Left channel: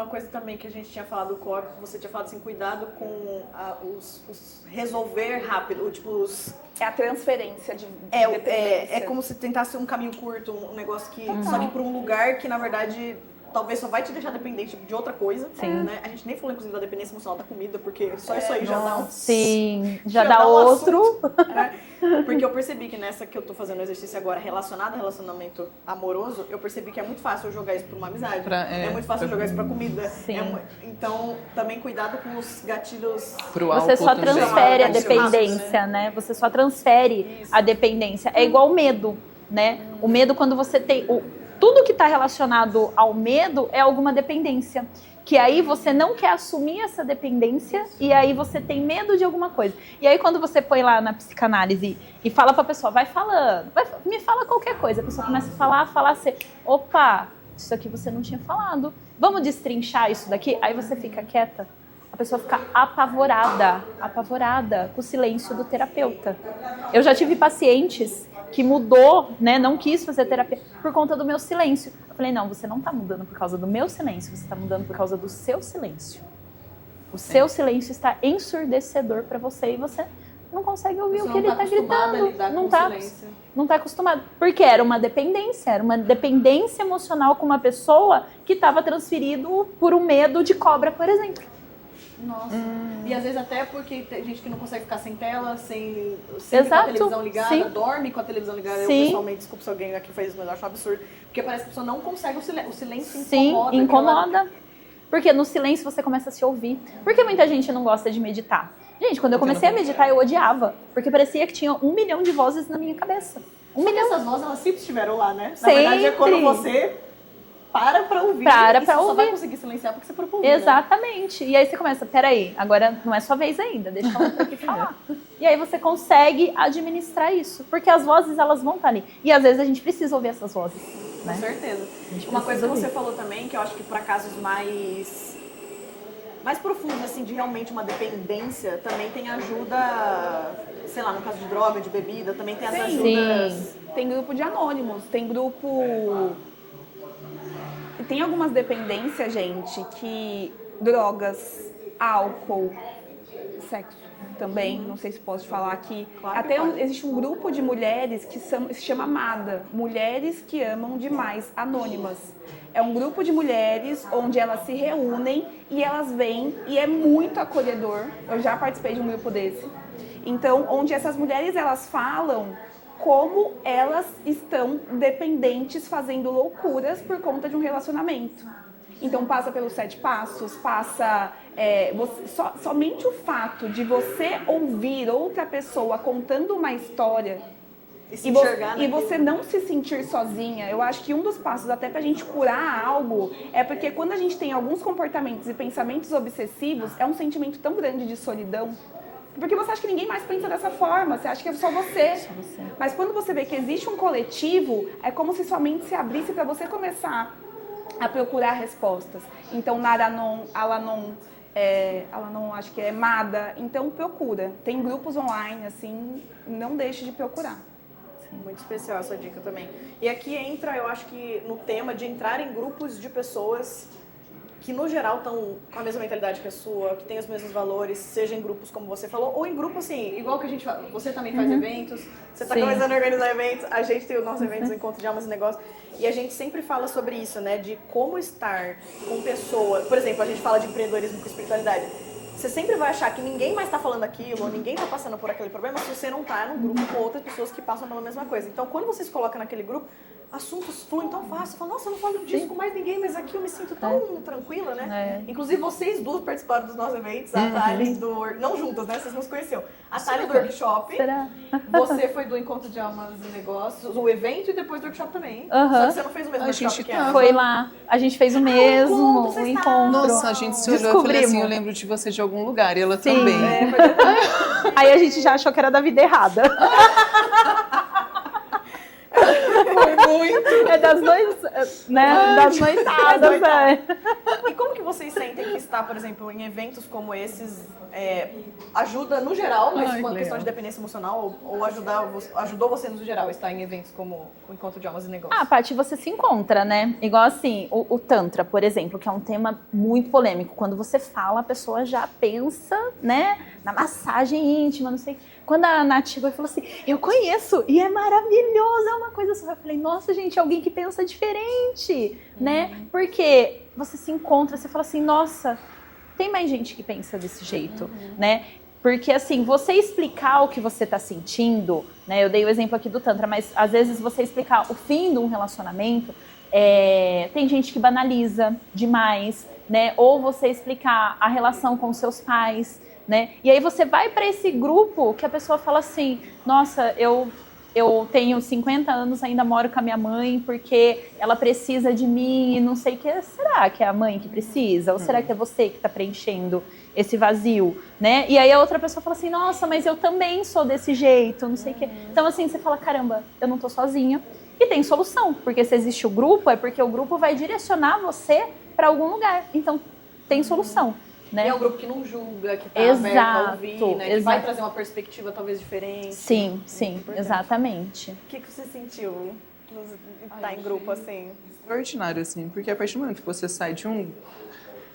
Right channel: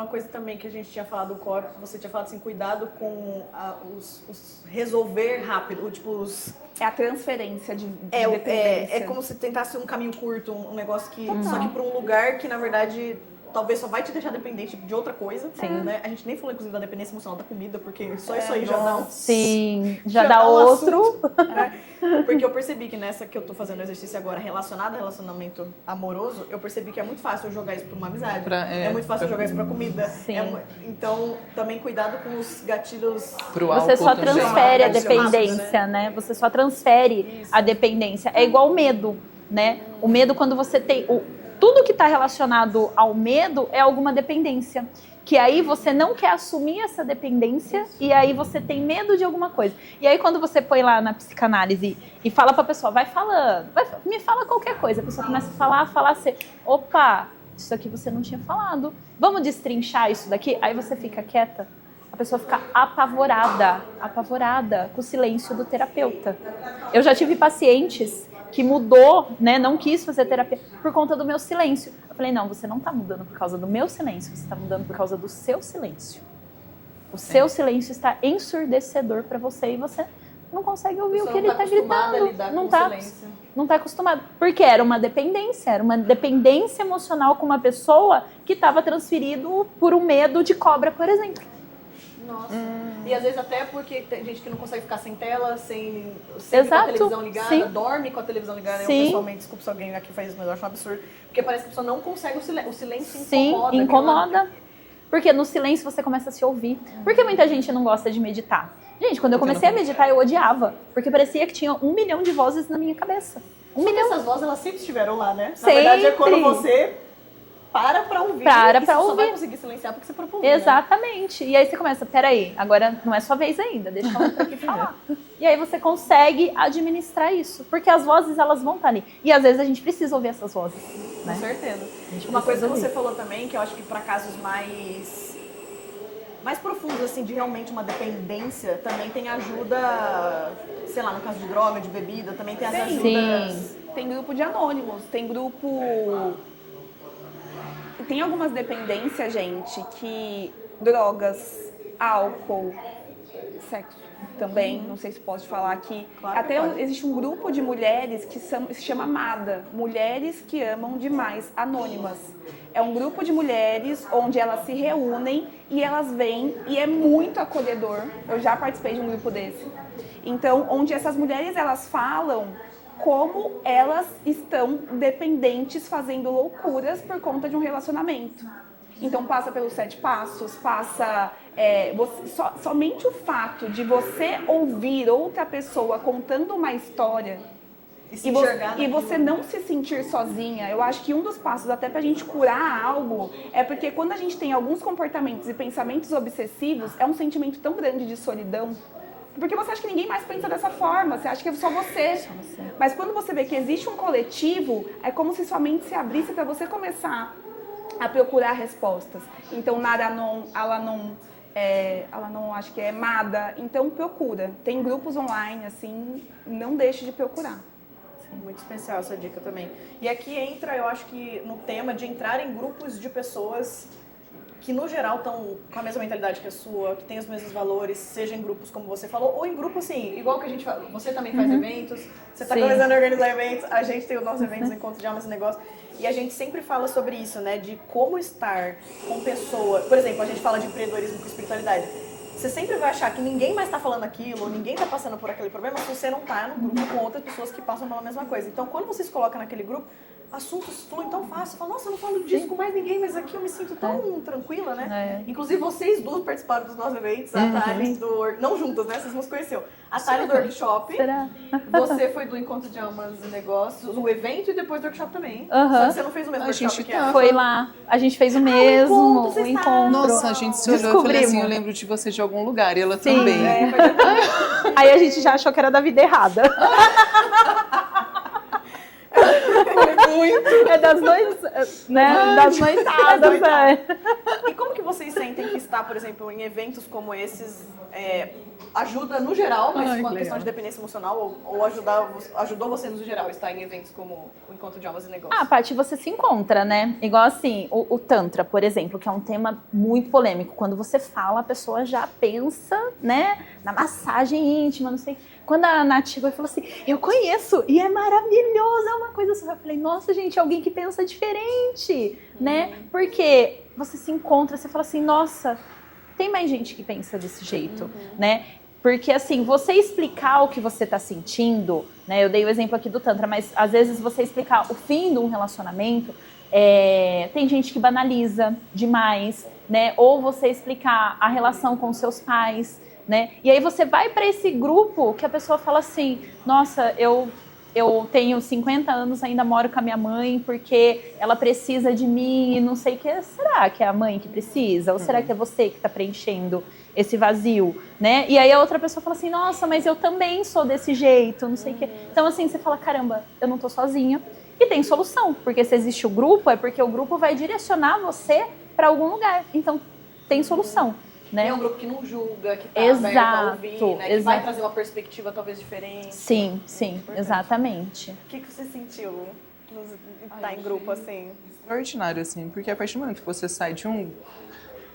uma coisa também que a gente tinha falado, você tinha falado assim, cuidado com os resolver rápido, tipo, É a transferência de é como se tentasse um caminho curto, um negócio que só que para um lugar que na verdade talvez só vai te deixar dependente de outra coisa. Sim. Né? A gente nem falou inclusive da dependência emocional da comida, porque só isso aí já dá. Sim, já dá outro. Porque eu percebi que nessa que eu tô fazendo exercício agora relacionado ao relacionamento amoroso, eu percebi que é muito fácil eu jogar isso pra uma amizade. É muito fácil eu jogar isso pra comida. Sim. Então, também cuidado com os gatilhos. Você só transfere a dependência, né? Você só transfere a dependência. É igual o medo, né? O medo, quando você tem... Tudo que está relacionado ao medo é alguma dependência. Que aí você não quer assumir essa dependência e aí você tem medo de alguma coisa. E aí quando você põe lá na psicanálise e fala pra pessoa, vai falando, me fala qualquer coisa. A pessoa começa a falar assim, opa, isso aqui você não tinha falado. Vamos destrinchar isso daqui? Aí você fica quieta. A pessoa fica apavorada com o silêncio do terapeuta. Eu já tive pacientes que mudou, né, não quis fazer terapia por conta do meu silêncio. Eu falei, não, você não está mudando por causa do meu silêncio, você está mudando por causa do seu silêncio. O seu silêncio está ensurdecedor para você e você não consegue ouvir o que ele está gritando. Não está acostumado. Porque era uma dependência emocional com uma pessoa que estava transferido por um medo de cobra, por exemplo. Nossa. E às vezes até porque tem gente que não consegue ficar sem tela, sem Exato. Com a televisão ligada, Sim. dorme com a televisão ligada. Sim. Eu pessoalmente, desculpa se alguém faz isso, eu acho um absurdo. Porque parece que a pessoa não consegue o silêncio. Sim, incomoda. Porque no silêncio você começa a se ouvir. Por que muita gente não gosta de meditar? Gente, quando eu comecei a meditar, eu odiava. Porque parecia que tinha 1 milhão de vozes na minha cabeça. 1 milhão. Essas vozes, elas sempre estiveram lá, né? Sempre. Na verdade, é quando você para ouvir. Para ouvir. Vai conseguir silenciar porque você procura. Exatamente. E aí você começa, peraí, agora não é sua vez ainda, deixa a outra aqui falar. E aí você consegue administrar isso. Porque as vozes, elas vão estar ali. E às vezes a gente precisa ouvir essas vozes. Né? Com certeza. A gente Uma precisa coisa que ouvir. você falou também, que eu acho que para casos mais profundos, assim, de realmente uma dependência, também tem ajuda, sei lá, no caso de droga, de bebida, também tem essa ajuda. Sim. Tem grupo de anônimos, tem grupo... Tem algumas dependências, gente, que drogas, álcool, também, não sei se pode falar aqui. Até existe um grupo de mulheres que se chama ADA, Mulheres que Amam Demais, Anônimas. É um grupo de mulheres onde elas se reúnem e elas vêm, e é muito acolhedor. Eu já participei de um grupo desse. Então, onde essas mulheres, elas falam como elas estão dependentes, fazendo loucuras por conta de um relacionamento. Então passa pelos 7 passos, somente o fato de você ouvir outra pessoa contando uma história e você não se sentir sozinha. Eu acho que um dos passos até pra gente curar algo é porque quando a gente tem alguns comportamentos e pensamentos obsessivos, é um sentimento tão grande de solidão. Porque você acha que ninguém mais pensa dessa forma, você acha que é só você. Mas quando você vê que existe um coletivo, é como se sua mente se abrisse para você começar a procurar respostas. Então, Nara ela não acho que é amada, então procura. Tem grupos online, assim, e não deixe de procurar. Muito especial essa dica também. E aqui entra, eu acho que no tema de entrar em grupos de pessoas que no geral estão com a mesma mentalidade que a sua, que tem os mesmos valores, seja em grupos como você falou, ou em grupos, sim, igual que a gente faz. Você também faz eventos, você está começando a organizar eventos, a gente tem os nossos eventos, encontros de almas e negócios, e a gente sempre fala sobre isso, né, de como estar com pessoas. Por exemplo, a gente fala de empreendedorismo com espiritualidade. Você sempre vai achar que ninguém mais está falando aquilo, ninguém está passando por aquele problema, se você não está com outras pessoas que passam pela mesma coisa. Então, quando você se coloca naquele grupo, assuntos fluem tão fácil. Fala, nossa, eu não falo disso com mais ninguém, mas aqui eu me sinto tão tranquila, né? Inclusive, vocês duas participaram dos nossos eventos, a Thales não juntas, né? Vocês nos conheceram. A Thales do workshop. Será? Você foi do Encontro de Almas e Negócios, do evento e depois do workshop também. Só que você não fez o mesmo workshop. Foi lá. A gente fez o mesmo, o encontro. Nossa, a gente se olhou e falei assim, eu lembro de você de algum lugar, e ela também. Aí a gente já achou que era da vida errada. Foi muito. É das noitadas, E como que você vocês sentem que estar, por exemplo, em eventos como esses ajuda no geral, mas Ai, uma que questão legal. de dependência emocional, ou ajudou você no geral estar em eventos como o Encontro de Almas e Negócios? Ah, Paty, você se encontra, né? Igual assim, o Tantra, por exemplo, que é um tema muito polêmico. Quando você fala, a pessoa já pensa, né, na massagem íntima, não sei. Quando a Nath chegou e falou assim, eu conheço, e é maravilhoso, é uma coisa só. Eu falei, nossa, gente, alguém que pensa diferente, né? Porque você se encontra, você fala assim, nossa, tem mais gente que pensa desse jeito, né? Porque, assim, você explicar o que você tá sentindo, né? Eu dei o exemplo aqui do Tantra, mas às vezes você explicar o fim de um relacionamento, tem gente que banaliza demais, né? Ou você explicar a relação com seus pais, né? E aí você vai para esse grupo que a pessoa fala assim, nossa, eu tenho 50 anos, ainda moro com a minha mãe porque ela precisa de mim e não sei o que. Será que é a mãe que precisa? Ou será que é você que está preenchendo esse vazio, né? E aí a outra pessoa fala assim, nossa, mas eu também sou desse jeito, não sei o que. Então assim, você fala, caramba, eu não tô sozinha. E tem solução, porque se existe o grupo, é porque o grupo vai direcionar você para algum lugar. Então tem solução. Né? É um grupo que não julga, que tá Exato, aberto a ouvir, né? Que exato. vai trazer uma perspectiva talvez diferente. Sim, sim, exatamente. O que você sentiu, hein? Ordinário, assim, porque a partir do momento que você sai de um...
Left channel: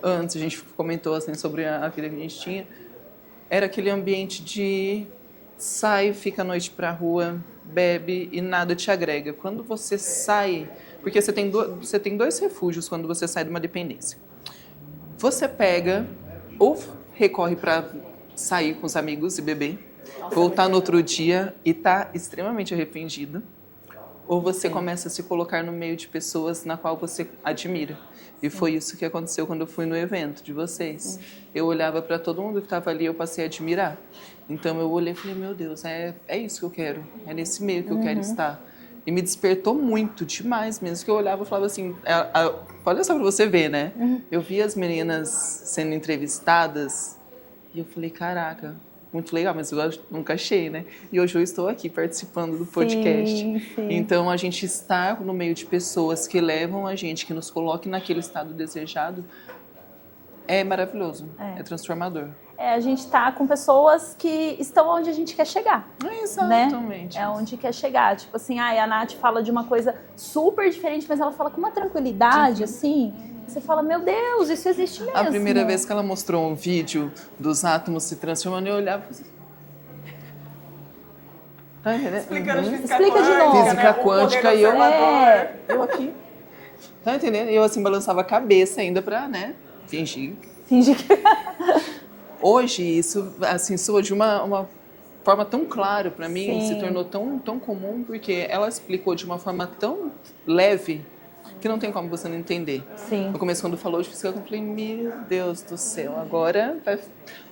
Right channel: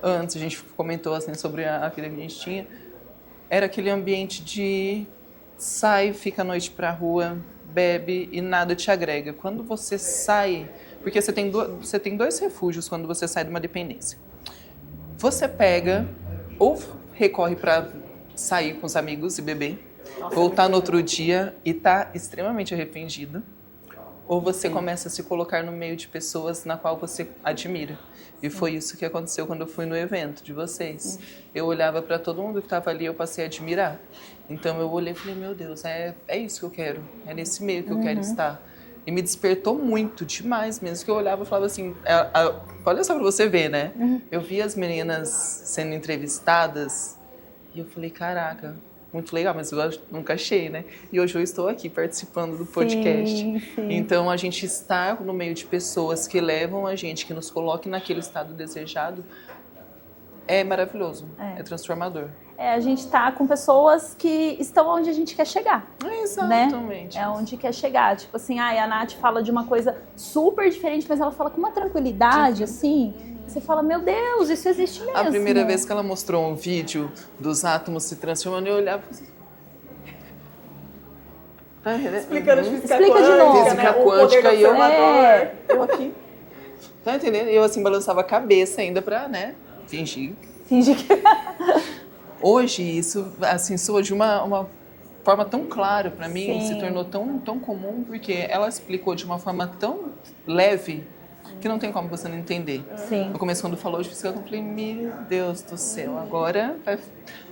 Antes a gente comentou, assim, sobre a vida que a gente tinha, era aquele ambiente de sai, fica a noite pra rua, bebe e nada te agrega. Quando você sai... Porque você tem dois refúgios quando você sai de uma dependência. Você pega ou recorre para sair com os amigos e beber, voltar no outro dia e tá extremamente arrependido, ou você começa a se colocar no meio de pessoas na qual você admira. E foi isso que aconteceu quando eu fui no evento de vocês. Eu olhava para todo mundo que estava ali e eu passei a admirar. Então eu olhei e falei, meu Deus, é isso que eu quero, é nesse meio que eu quero estar. E me despertou muito, demais mesmo, que eu olhava e falava assim, olha só pra você ver, né? Eu vi as meninas sendo entrevistadas e eu falei, caraca, muito legal, mas eu nunca achei, né? E hoje eu estou aqui participando do podcast. Sim. Então a gente está no meio de pessoas que levam a gente, que nos coloquem naquele estado desejado, é maravilhoso, é transformador. A gente tá com pessoas que estão onde a gente quer chegar. Exatamente. Né? É onde quer chegar. Tipo assim, a Nath fala de uma coisa super diferente, mas ela fala com uma tranquilidade, assim. Você fala, meu Deus, isso existe mesmo. A primeira vez que ela mostrou um vídeo dos átomos se transformando, eu olhava e falei... Explica de novo. Física quântica e eu aqui. Tá entendendo? E eu assim balançava a cabeça ainda pra, né, fingir. Finge que... Hoje isso assim soa de uma forma tão clara pra mim, Sim. se tornou tão comum, porque ela explicou de uma forma tão leve que não tem como você não entender. Sim. No começo, quando falou de psicologia, eu falei, meu Deus do céu, agora vai...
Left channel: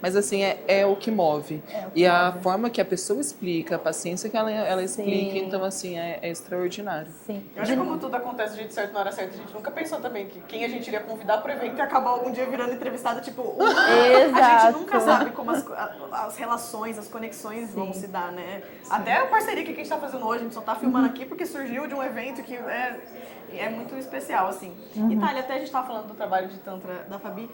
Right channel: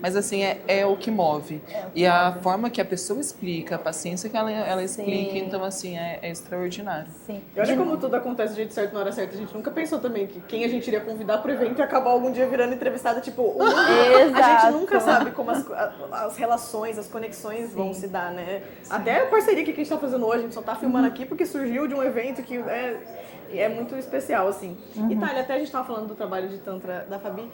Mas assim, é o que move. E a forma que a pessoa explica, a paciência que ela explica, então assim, é extraordinário. Sim. Eu acho que como tudo acontece de certo na hora certa, a gente nunca pensou também que quem a gente iria convidar pro evento e acabar algum dia virando entrevistado, tipo... A gente nunca sabe como as relações, as conexões vão se dar, né? Até a parceria que a gente tá fazendo hoje, a gente só tá filmando aqui porque surgiu de um evento que é muito especial, assim. E Thalia, até a gente tava falando do trabalho de Tantra da Fabi,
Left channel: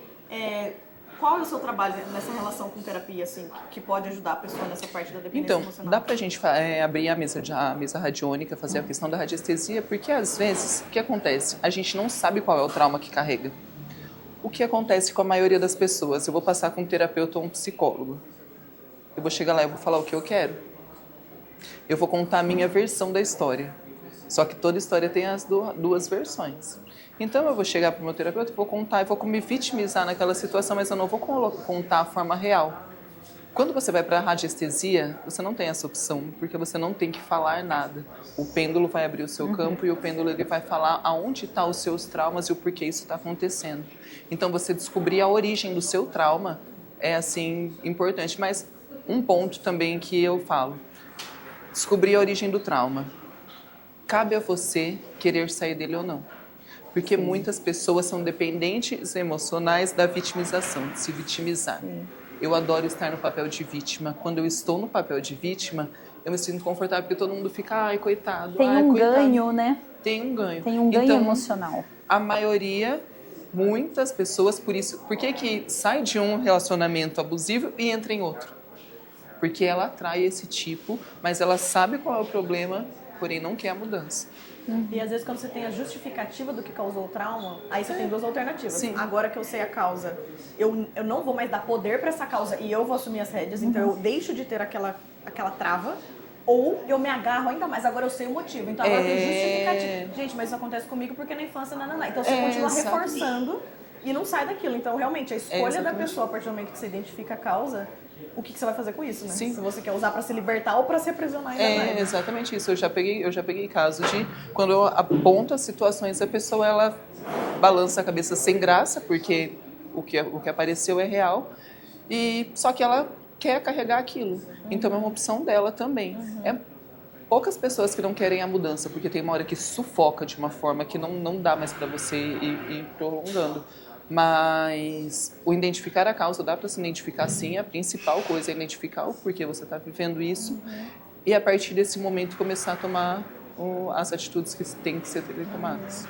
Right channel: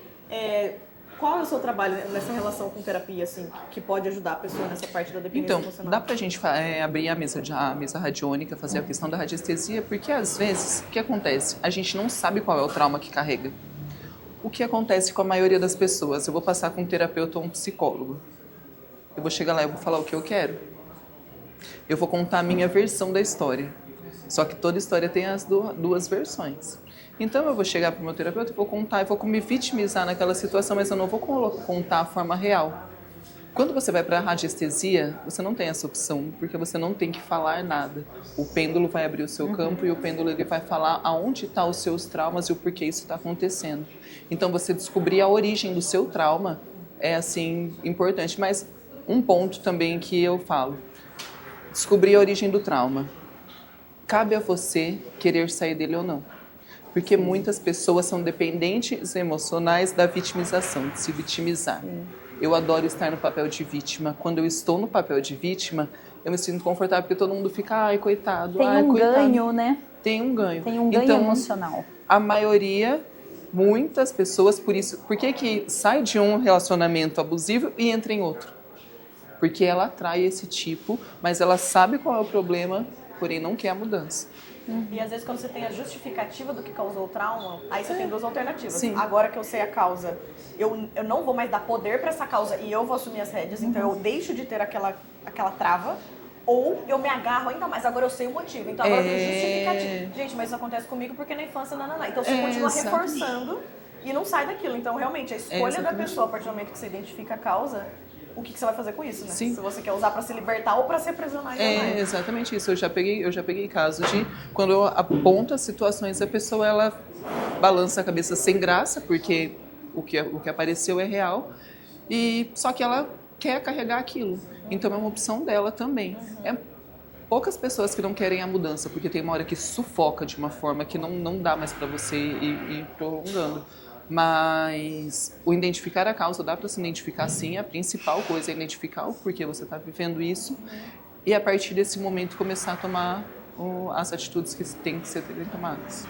qual é o seu trabalho nessa relação com terapia, assim, que pode ajudar a pessoa nessa parte da dependência Então, emocional? dá pra gente abrir a mesa radiônica, fazer a questão da radiestesia, porque às vezes, o que acontece? A gente não sabe qual é o trauma que carrega. O que acontece com a maioria das pessoas? Eu vou passar com um terapeuta ou um psicólogo. Eu vou chegar lá e vou falar o que eu quero. Eu vou contar a minha versão da história. Só que toda história tem as duas versões. Então eu vou chegar para o meu terapeuta e vou contar, e vou me vitimizar naquela situação, mas eu não vou contar a forma real. Quando você vai para a radiestesia, você não tem essa opção, porque você não tem que falar nada. O pêndulo vai abrir o seu campo e o pêndulo ele vai falar aonde estão os seus traumas e o porquê isso está acontecendo. Então você descobrir a origem do seu trauma é assim importante. Mas um ponto também que eu falo, descobrir a origem do trauma. Cabe a você querer sair dele ou não. Porque muitas pessoas são dependentes emocionais da vitimização, de se vitimizar. Eu adoro estar no papel de vítima. Quando eu estou no papel de vítima, eu me sinto confortável, porque todo mundo fica, ai, coitado, Tem ai, um coitado. ganho, né? Tem um ganho. Tem um ganho então, emocional. A maioria Muitas pessoas, por que sai de um relacionamento abusivo e entra em outro? Porque ela atrai esse tipo, mas ela sabe qual é o problema, porém não quer a mudança. E às vezes quando você tem a justificativa do que causou o trauma, aí você tem duas alternativas. Sim. Agora que eu sei a causa, eu não vou mais dar poder para essa causa e eu vou assumir as rédeas, então eu deixo de ter aquela trava, ou eu me agarro ainda mais, agora eu sei o motivo. Então agora eu tenho justificativa. Gente, mas isso acontece comigo porque na infância não. Então você continua reforçando e não sai daquilo. Então realmente a escolha da pessoa, a partir do momento que você identifica a causa, o que você vai fazer com isso? Né? Sim. Se você quer usar para se libertar ou para se aprisionar. Exatamente isso. Eu já peguei casos de quando eu aponto as situações, a pessoa ela balança a cabeça sem graça, porque o que apareceu é real, e só que ela quer carregar aquilo. Então é uma opção dela também. É poucas pessoas que não querem a mudança, porque tem uma hora que sufoca de uma forma que não dá mais para você ir prolongando. Mas o identificar a causa, dá para se identificar sim, a principal coisa é identificar o porquê você está vivendo isso e a partir desse momento começar a tomar as atitudes que têm que ser tomadas.